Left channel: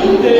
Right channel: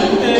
Yeah.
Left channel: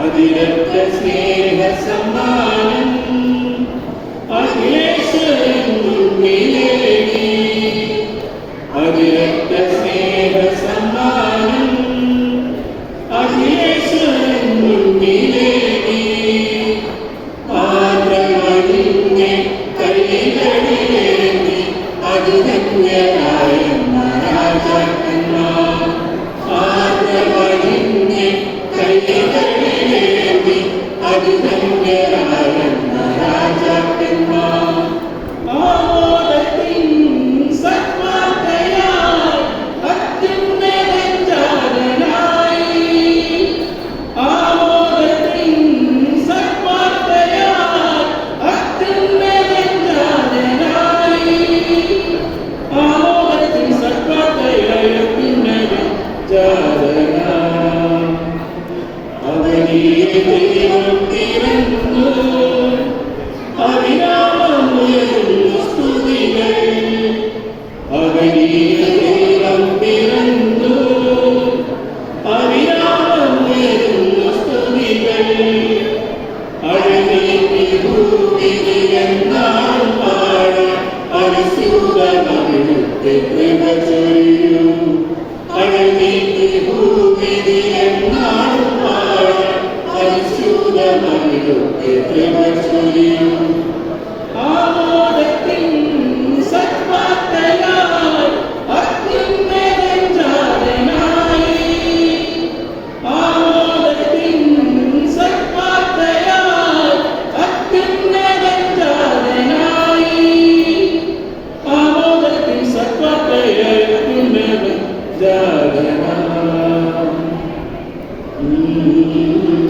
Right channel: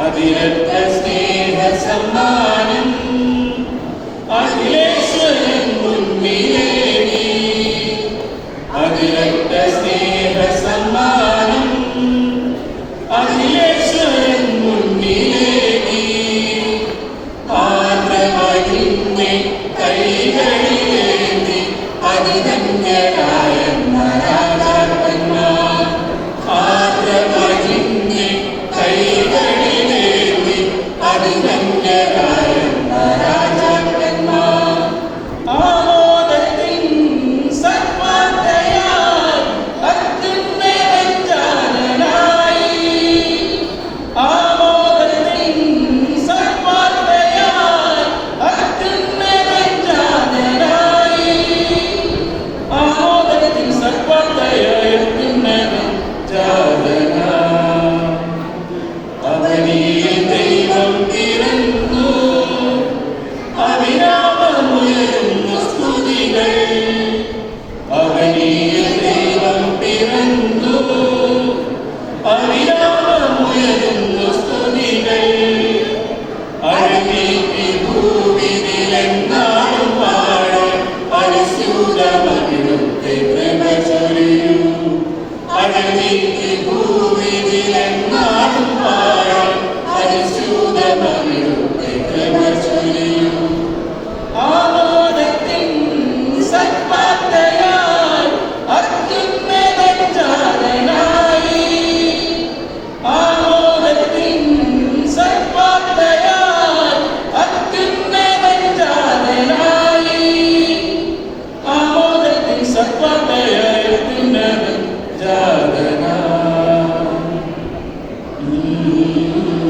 அதிரத்த you.